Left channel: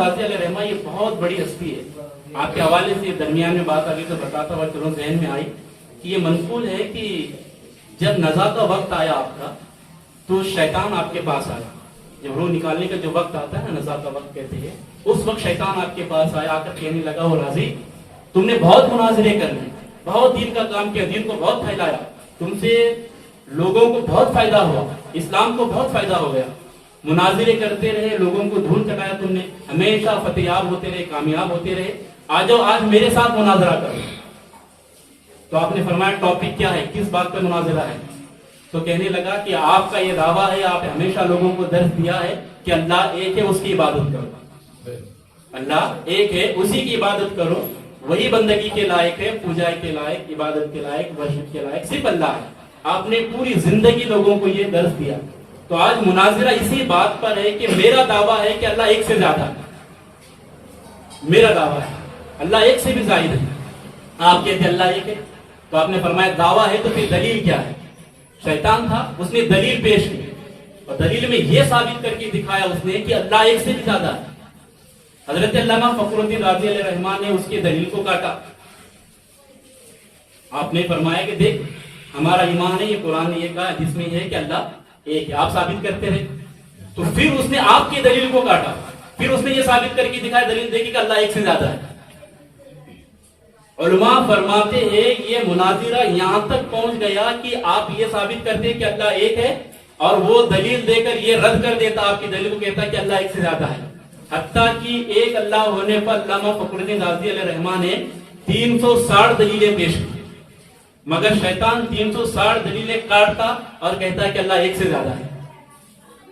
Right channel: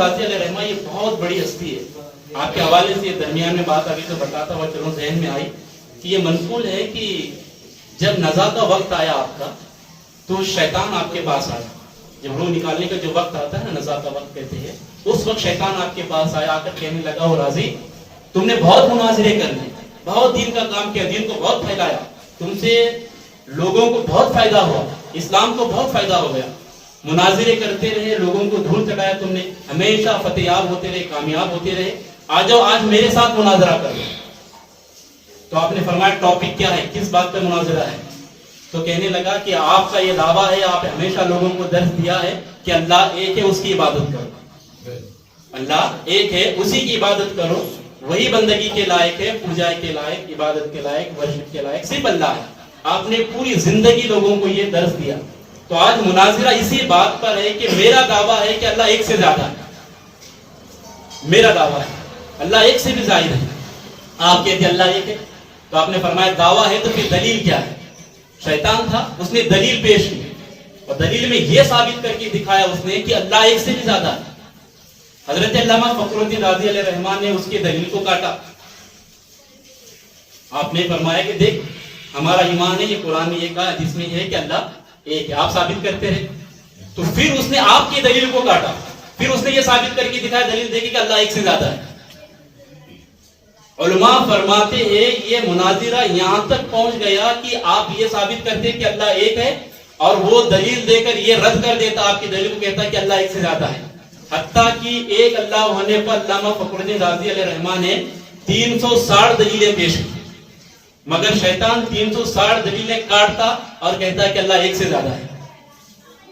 राजी अलैहि रहमा ये बहुत बड़ी हस्ती है। आपके हवाले से दरमियान में बात अभी तो बताता हुआ चलो जहन में आई कि ये मनकूल है कि जब नज़ा का वक्त आया आपका तो शैतान आपके पास आया। जब रूह निकालने का जो वक्त आता है ना, नज़ा का वक्त कहते हैं, उस वक्त शैतान आपके पास आया, आकर कहने लगा ओ राजी तुमने बहुत मुनाजरे कर लिए, बहुत दीन का काम किया, दीन को बहुत फैलाया, तुमसे लोगों को बहुत फायदा हुआ, इस्लाम को बहुत फायदा हो गया, मुनाजरे करते रहे, लोगों को धूल चढ़ाया तुमने, हमेशा फतेयाब होते रहे, कामयाब होते रहे, आ जाओ आज मेरे साथ मुनाजरा करो। तो आपने फरमाया टॉपिक क्या है, किस बात पर मुनाजरा है? तो कहने लगा कि आपका ये दावा है, आप हमेशा लोगों को दर्ज दिया है कि अल्लाह एक है, उसकी इबादत करो, अल्लाह एक है, उसी की इबादत करो, वही बंदगी के लायक है, पूजा के लायक, इबादत के लायक, वर्शिप के लायक सिर्फ अल्लाह है। आपने पूरी जिंदगी लोगों को ये दर्ज दिया। तो आज मुनाजिरा इसी बात पर है कि मेरा दावा है कि अल्लाह एक से ज्यादा है, मेरा दावा है अल्लाह एक से भी जाहिर है, आप कहते अल्लाह एक है। तो आपने फरमाया दावा है तो फिर दलील क्या है? शैतान था, उसने दलील पेश की और दलील में यह साबित करके दिखाया उसने कि अल्लाह एक से भी ज्यादा है। हजरत अल्लामा फखरुद्दीन राज़ी अलैहि रहमान ने उसके दलील को काटा। आपने फरमाया कि देख हमारा ईमान है, ये कुरान ने ये कहा, जिसमें यह है कि अल्लाह एक है, आप साबित करते रहे। तो फिर उसने आपकी दलील को काटा, फिर उसने ये साबित करके दिखाया, दलील देखी कि अल्लाह एक से ज्यादा है। उलमा फरमाते हैं ये मुनाजिरा यहां तक पहुंच गया कि आप ये साबित करते कि अल्लाह एक है और वो दलील देकर ये रद्द कर देता आपकी दलील को, कहता कि अल्लाह एक से ज्यादा है। हत्ता कि एक अल्लाह होने पर अल्लामा फखरुद्दीन राज़ी अलैहि रहमान ने 360 दलीलें पेश की, मगर शैतान 360 दलीलें काटता और कहता है कि अल्लाह एक से ज्यादा है।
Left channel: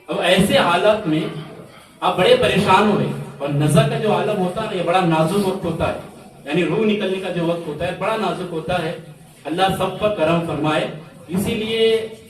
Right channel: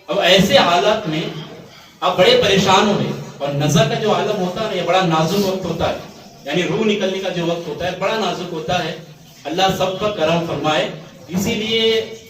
अब ऐसे हालत में आप बड़े परेशान हुए, और नज़ा का जो आलम होता है ये बड़ा नाजुक वक्त होता है, यानी रूह निकलने का जो वक्त होता है बड़ा नाजुक होता है। अल्लाह सब पर करम फरमाए। इसीलिए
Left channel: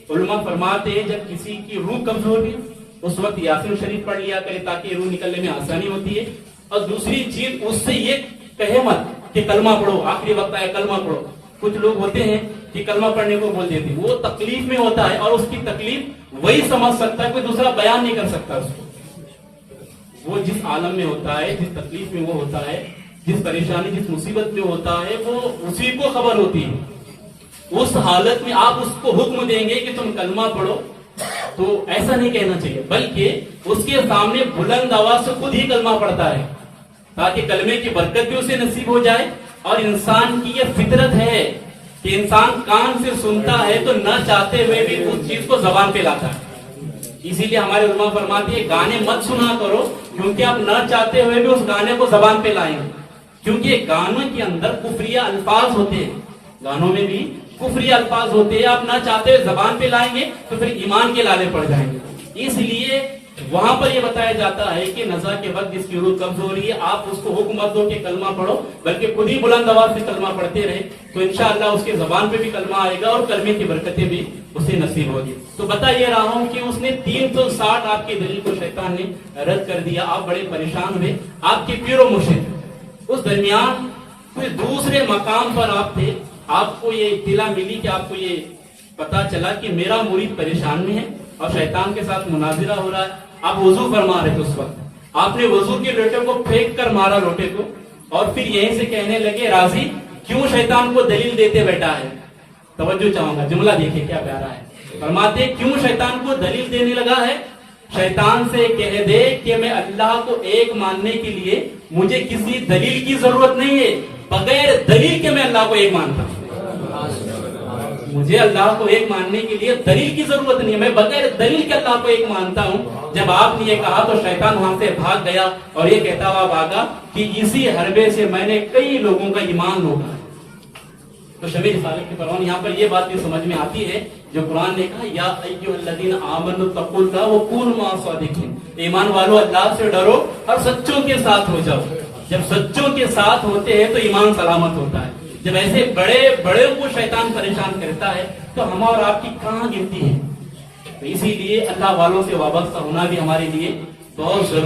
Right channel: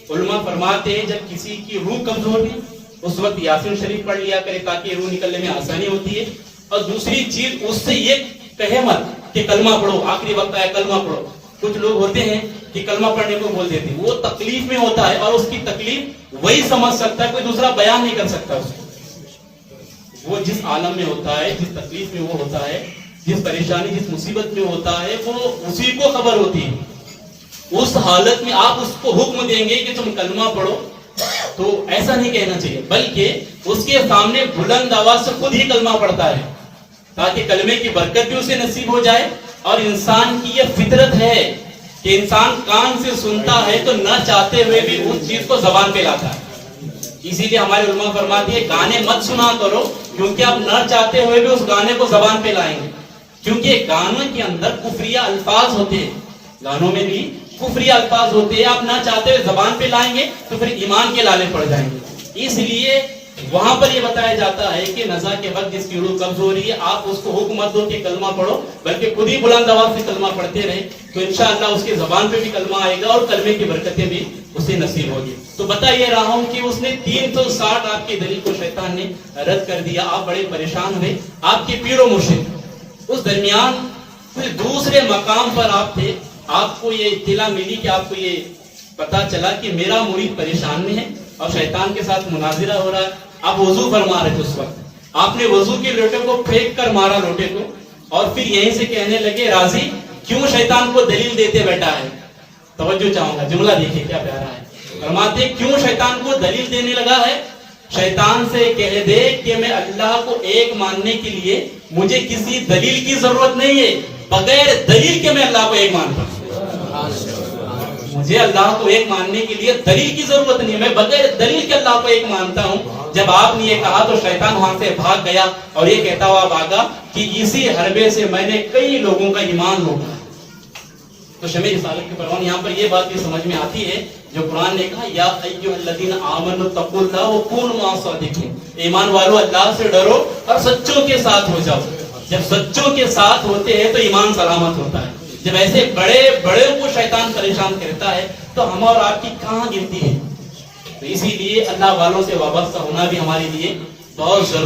उलमा फरमाते हैं जब किसी की रूह कमजोर है उस वक्त यासीन शरीफ पढ़ लिया करे ताकि रूह निकलने में आसानी होती है। और दूसरी चीज उससे ये कहे मत कि कलमा पढ़ो, आखिरी वक्त आया कलमा पढ़ो। कुछ लोग होते हैं कि कलमा पढ़ने को बोल देते हैं, वो तकलीफ में होता है और उसकी तकलीफ वही समझ सकता है, कोई दूसरा बयान नहीं कर सकता उसको। वो जिस आलम में होता है, जिस तकलीफ में वो होता है, जिस परेशानी जिस मुसीबत में होता है, वो उसी को खबर होती है। उस हालत में आप उसको हुक्म देंगे कि तुम कलमा पढ़ो, तो ऐसा नहीं कहना चाहिए, बल्कि उसके सामने बुलंद आवाज से खुद ही कलमा पढ़ता है ताकि कलमे की बरकत भी उसे नसीब हो जाए। और इंसान की यह फितरत है कि इंसान कान से सुनता है तो न चाहते हुए भी उस चीज को जबान पे लाता है। इसीलिए हमारे उलमा फरमाती है गाने मत सुना करो, क्योंकि आप न चाहते हुए भी उस गाने को जबान पे लाएंगे, क्योंकि गानों के अंदर कुफरिया अल्फाज होते हैं, गानों में भी कुफरिया अल्फाज होते हैं, आप ना चाहते हुए जबान पे लाएंगे तो फिर ईमान के लाले पड़ जाएंगे। इसलिए वहां पर यह बताया जाता है कि नज़ा के वक्त जिसकी रूह कब्ज हो रही है आप उसको हुक्म मत दो कि कलमा पढ़ो, बल्कि खुद ही बुलंद आवाज से कलमा पढ़ते रहे, तो इंशाअल्लाह उसके जबान पे भी कलमा आएगा और कलमे की बरकतें भी उसे नसीब होगी। तो बता ये रहा हूं कि उसने 360 आपकी दलील को शैतान ने रद्द कर दिया। आप बड़े परेशान हुए, आपके पीरो मुर्शिद उस दरमियान कोई दूसरे मकाम पर आप थे, आपको ये इत्तिला मिली कि आपको ये पता चला कि मेरा मुरीद परेशान में है और शैतान के साथ मुनाजिरा हो रहा है। आप वजू फरमा रहे थे, उस वक्त आपने वजू के लोटे को फेंक कर मारा लोटे को, और फिर यहीं से कहने लगे राजी क्यों शैतान को दलील देते बैठा है। तवज्जो चाहूंगा, जुमला देखिए क्या प्यारा है। फरमाते क्यों शैतान को दलील देने लगा है? शैतान से कह दे कि मैं अल्लाह को एक मानने के लिए मुझे किसी दलील की जरूरत नहीं है, बगैर दलील के मैं अल्लाह को एक मानता हूं। मुझे अल्लाह को एक मानने के लिए दलील की जरूरत नहीं है, मैं बगैर दलील के अल्लाह को एक मानता हूं। जब आपने ये कहा तो शैतान वहां से भाग गया और ये कहता हुआ भागा कि इसी हरबे से मैंने कई लोगों का ईमान लूटा है। तो शमे रिसालत के परवान यहाँ पर ये बात भी समझ में आती है जो कुरान ने कहा या अय्युहल्लज़ीना आमनु तक़ुल्लाह व कूनू मअस-सादिक़ीन, ईमान वालों अल्लाह से डरो और सच्चों के साथ हो जाओ। जब सच्चों के साथ होते हैं तो ईमान सलामत होता है। जब ऐसे बड़े बड़े को शैतान परेशान करता है तो हम और आपकी कहाँ गिनती है। तो इसीलिए अल्लाह वालों से वाबस्ता होना भी हमारे लिए बहुत जरूरी